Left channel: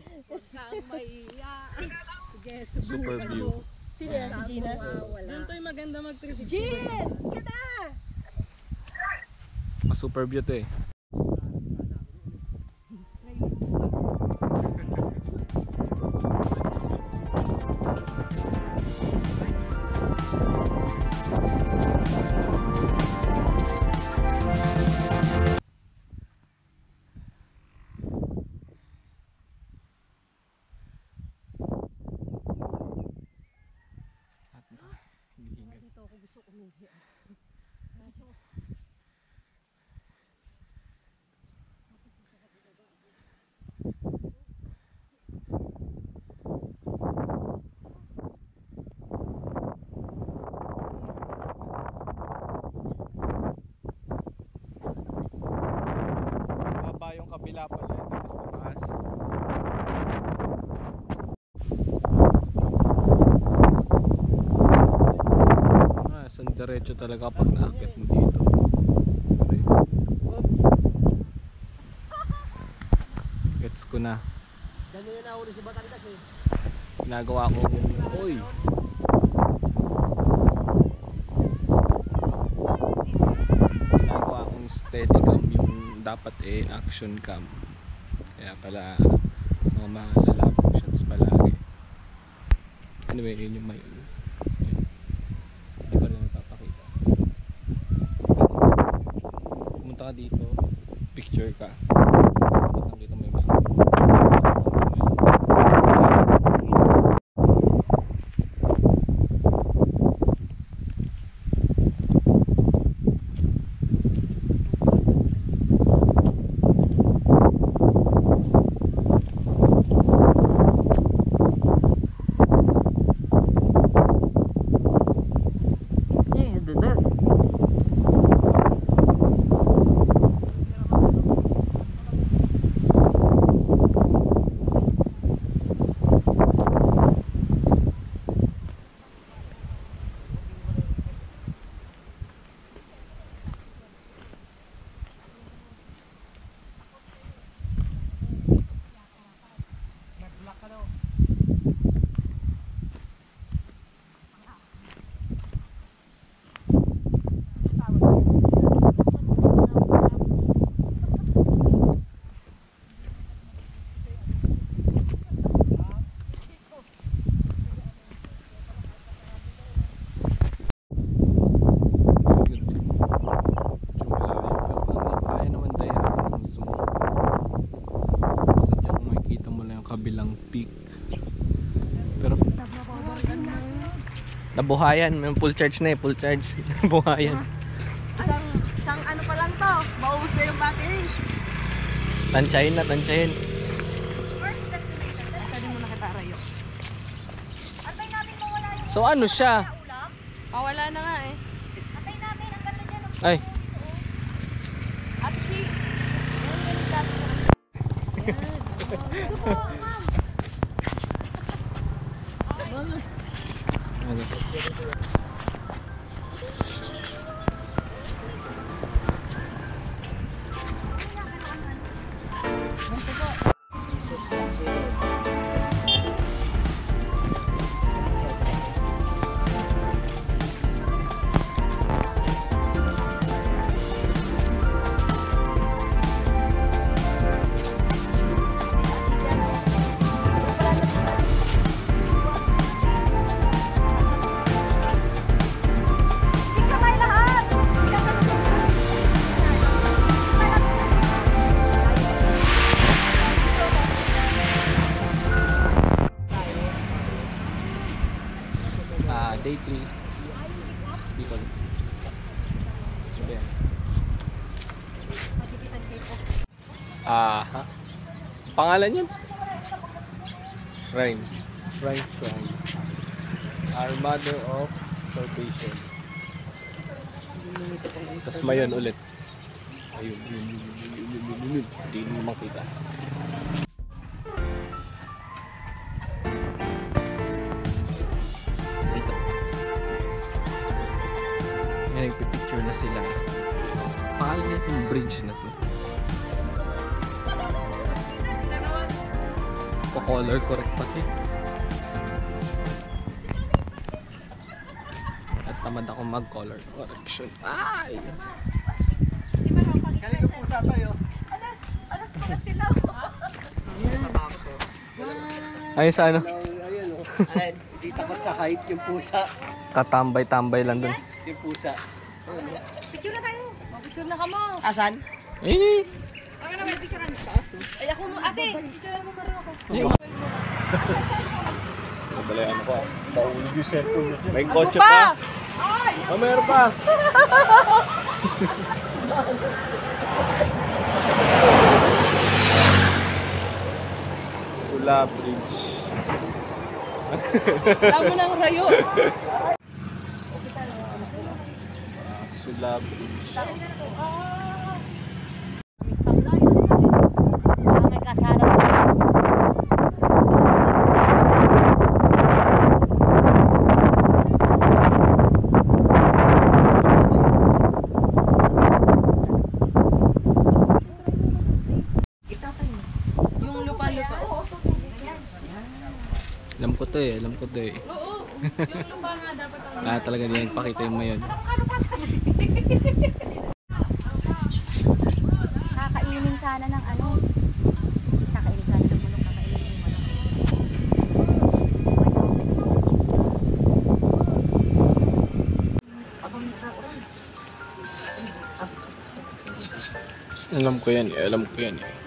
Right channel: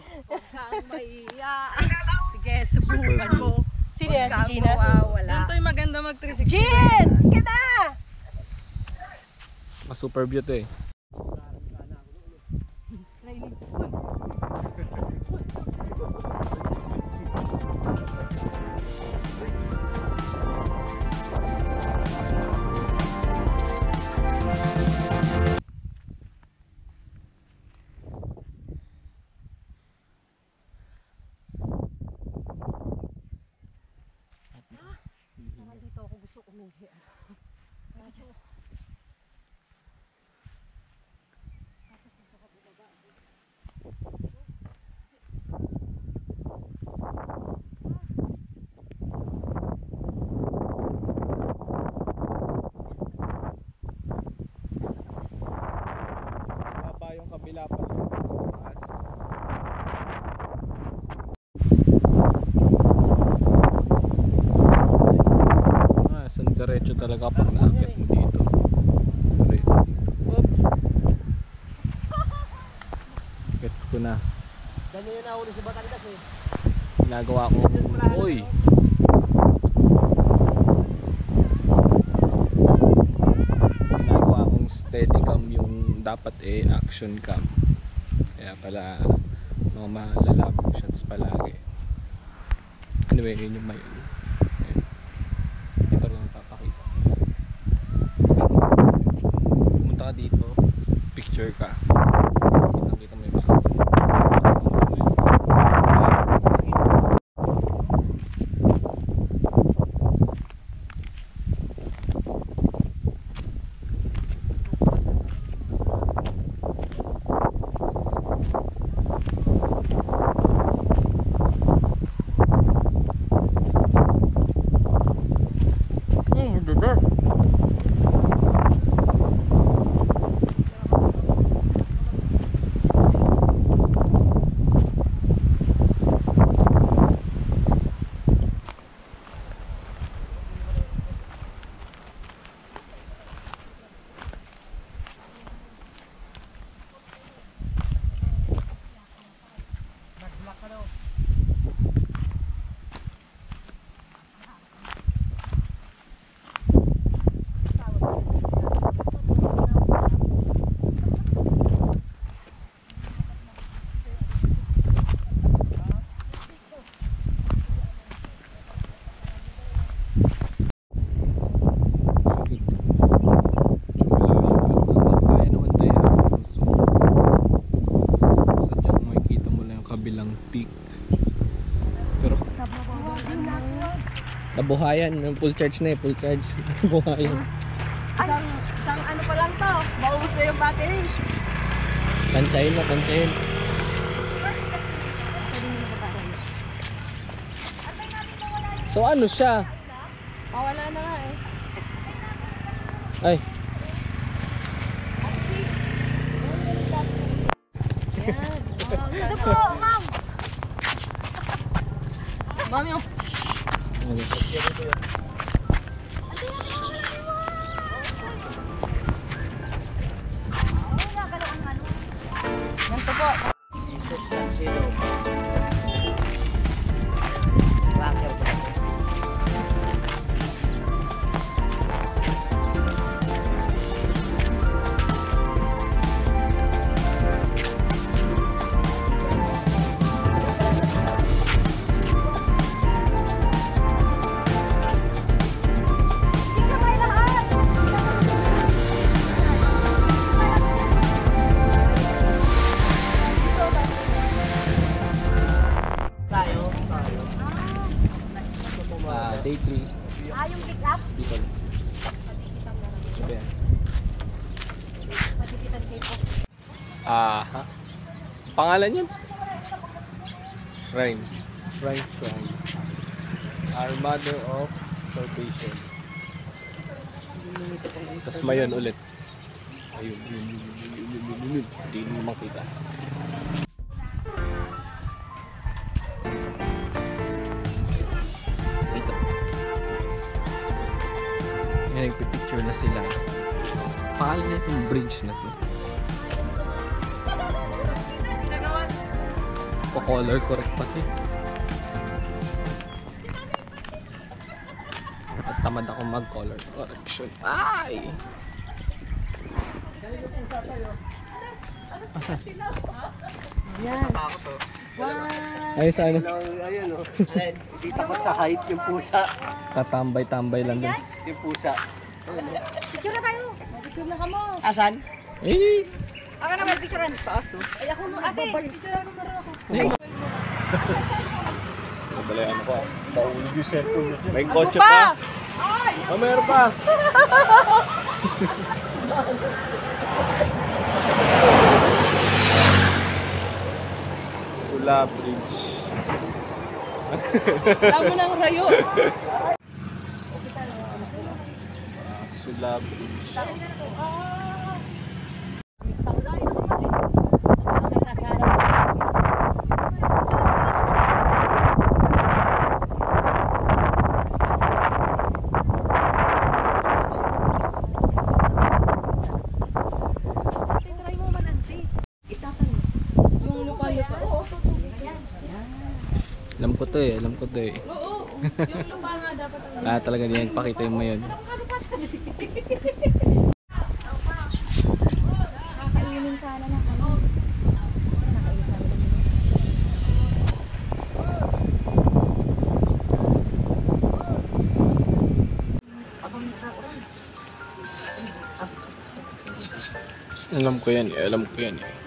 Huwag kang maiya. Sige, subukan mo. Sino yan? Si Gina? Doon tayo maganda mag-360. Gin! Kita! Super view to eh. Dito ako gusto umihi. Kaso, Baba yung kabila pala ito sa taas. San diretso talaga pag naakyat mo dito. Diretso dito. Op. Gets ko na. dali yun na uli si Batangas eh. Ginagawa ko. Oy. Ginagawa kong steady cam yung dapat action cam. Kaya pala mga malalabong shots palagi. Anyway, yun yung may hindi pa rin napapakita. Pero pumunta ka dito, picture ka, kitang kita mo yung back. Kabilang peak. Pero nabuhayan, may full charge na eh, full charge. Nabuhayan. Isang ano pa lang to, maubos na yung battery. Tansyahin na, tansyahin. So ano siya? Mawala na nga eh. Ay. Ito po, ma'am. Ma'am yung... Ano? Ganito po. Jesus, zero. Day 3. Yung pick up? People. Sabi yan. Magigitan kayo po. Ha? Pangalan yun? Shrine. Shrine. Our Mother of Salvation. Tapos mayon ulit. Ayun. Hindi mo makita. Dito. Yan, nagpipicture na sila. Pangalan na itong bridge na to. color correct pati. At tamad ako mag-color correction. Ay! Kanino pusa tayo? Natatakot oh. Ay, sa ano? Ayun oh. Hindi takot sa height yung pusa. Tatambay-tambay lang dun. Yung pusa. Picture na tayo. Picture na ka mo. Asan? Eh! Ako na may picturean. Ay ako mo ate. Picture mo rin ako. Nabalayan ko. Paulig yung cellphone. May kotse pa. Oh, meron pa. Sula Bridge. Alam mo ng rayo. Sula Bridge. May kasala. Yung lupa-lupa. Alam ko to eh, alam ko to eh. Oo. Yung lupa nga dapat ang Talaga din nagpakita yung mayon. Kakainin sana ng ano. Nakainin sana ng mga kakainin. Alam ko yan eh, alam ko yan eh.